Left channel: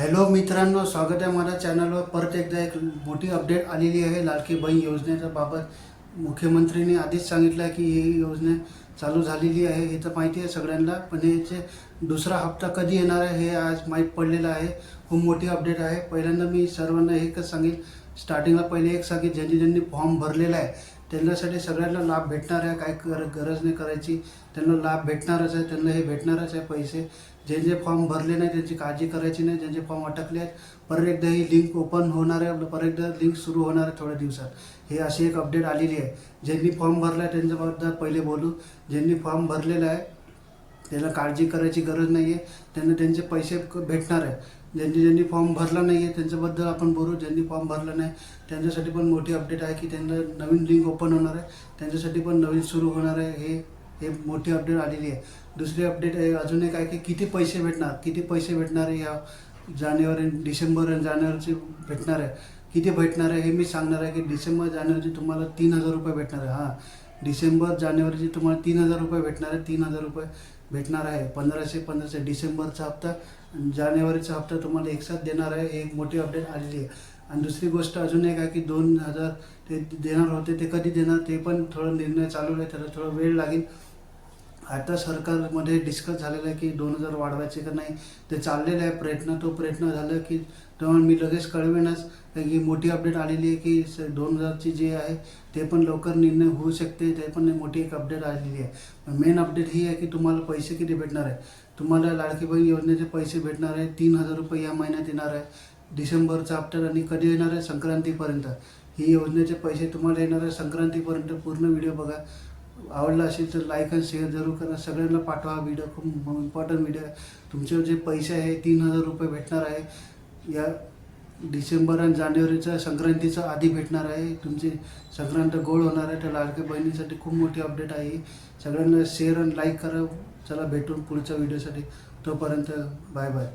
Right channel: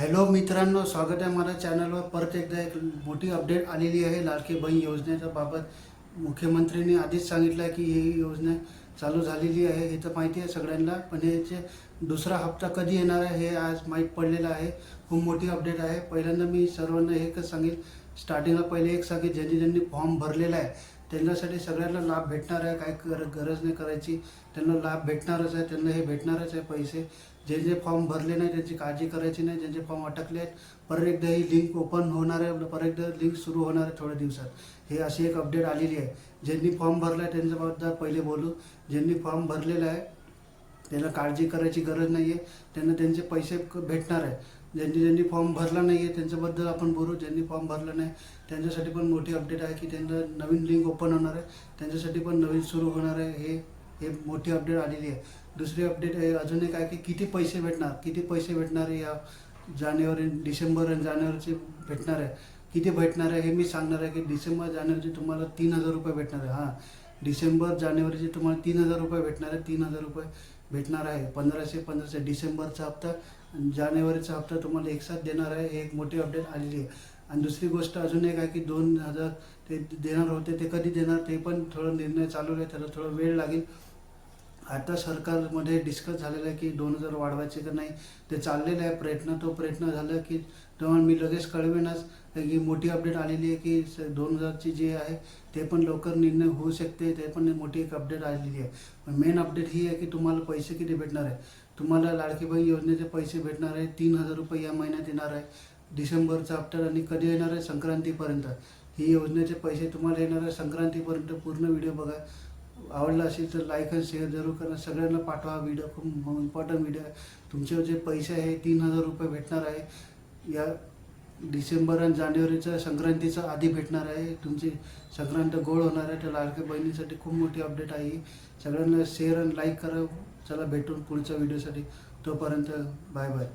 Hello मित्रांनो, स्वागत आहे माझ्या चॅनलवर. परत एकदा एक मोठी अपडेट आलेली आहे लाडकी बहीण योजनेच्या बाबत. मुख्यमंत्र्यांनी आधीच सांगितलं आहे की ही योजना चालू झालेली आहे, हे तर माहिती आहे सगळ्यांना. पण याचे दुसरा हप्ता कधी येणार आहे हे आज माहीत पडलेलं आहे. खूप मोठी अपडेट आहे. पहिल्यांदा मी सर्वांना एकच सांगेल, स्टार्टिंगला पहिले एक सांगेल, ज्यांनी ज्यांनी फॉर्म भरलेला आहे त्यांच्यासाठी सगळ्यांना लाभ भेटणार आहे. काय गरज नाही करायची, त्यांना लाभ भेटणारच आहे, त्यांना हे भेटणारच आहे पैसे. जे जे फॉर्म भरले नाही त्यांची काळजी करायची नाही. ज्यांचे फॉर्म अटकले आहेत, परत एकदा ही लिंक ओपन होणार आहे, परत एकदा लिंक सुरू होणार आहे थोड्या दिवसात. ही अशी एक अपडेट आलेली आहे. ज्यांनी फॉर्म भरला आहे त्यांच्याबद्दल पहिले बोलू. ज्यांनी फॉर्म भरलेला आहे त्याला काळजी करायची गरज नाही आहे, त्यांना त्यांचे पैसे भेटणार आहे. ज्यांनी फॉर्म भरला नाही आहे त्यांच्याबद्दल आपण बोलू. ज्यांनी फॉर्म भरला नाही त्यांच्यासाठी पण मोठी अपडेट आहे की त्यांना नवीन लिंक ओपन होणार आहे, त्यांच्यासाठी पण नवीन सुरू होणार आहे. हे मोठी अपडेट आलेली आहे. दुसरी अपडेट आहे अजून एक आहे की किती पैसे भेटणार या डिसेंबर आणि जानेवारीचे भेटणार आहे. किती भेटणार आहे हे मी सांगणार आहे की डिसेंबर जानेवारीचे तुम्हाला 3,000 रुपये भेटणार आहे. डिसेंबर जानेवारीचे तुम्हाला 3,000 रुपये भेटणार आहे. 3,000 रुपये भेटणार आहे. 1500 डिसेंबरचा हप्ता, जानेवारीचा हप्ता तुम्हाला एकसाथ देणार आहे. एक मोठी अपडेट आलेली आहे. आणि दुसरी गोष्ट अजून एक आहे की 2,000 ते देणार होते, ते कधी देणार ते पण थोडा निर्णय चालू आहे, त्याला थोडा वेळ लागेल. आता सरकारमध्ये डिस्कस झालेलं आहे की 2,000 वाढवायचे का नाही, ते चाललेलं आहे प्रयत्न. तो प्रयत्न झाला की तेव्हा मी लगेच कळवेनच. ही मोठी अपडेट आलेली आहे की 2,000ची जे आहे ते पण लवकर निर्णय होऊ शकते. ते पण मोठी एक अपडेट आलेली आहे. मेन अपडेट ही आहे की तुम्हाला पैसे किती भेटणार आहे. तुम्हाला लाडकी बहीण योजनेचे पैसे भेटणार आहे 3,000 रुपये या महिन्यात येणार आहे. डिसेंबरचा हप्ता आणि कधी येणार आहे, संक्रांतीपर्यंत. ही योजनेचे पैसे तुम्हाला येणार आहे संक्रांतीपर्यंत. पूर्ण व्हिडिओ बघा. आवडला असेल तर लाईक आणि शेअर जरूर करा. सगळ्यांना पाठवा व्हिडिओ. खूप इम्पॉर्टंट व्हिडिओ आहे. तुमचे जे पैसे आहे 3,000 रुपये भेटणार आहे. या डिसेंबर आणि जानेवारीच्या संक्रांतीचा आधी भेटणार आहे. तुमची संक्रांत गोड होणार आहे. तर लाडक्या बहिणीसाठी खूप मोठी अपडेट आहे. सगळ्यांना शेअर आणि लाईक करा. चला भेटून पुढच्या व्हिडिओसाठी. तोपर्यंत बाय बाय.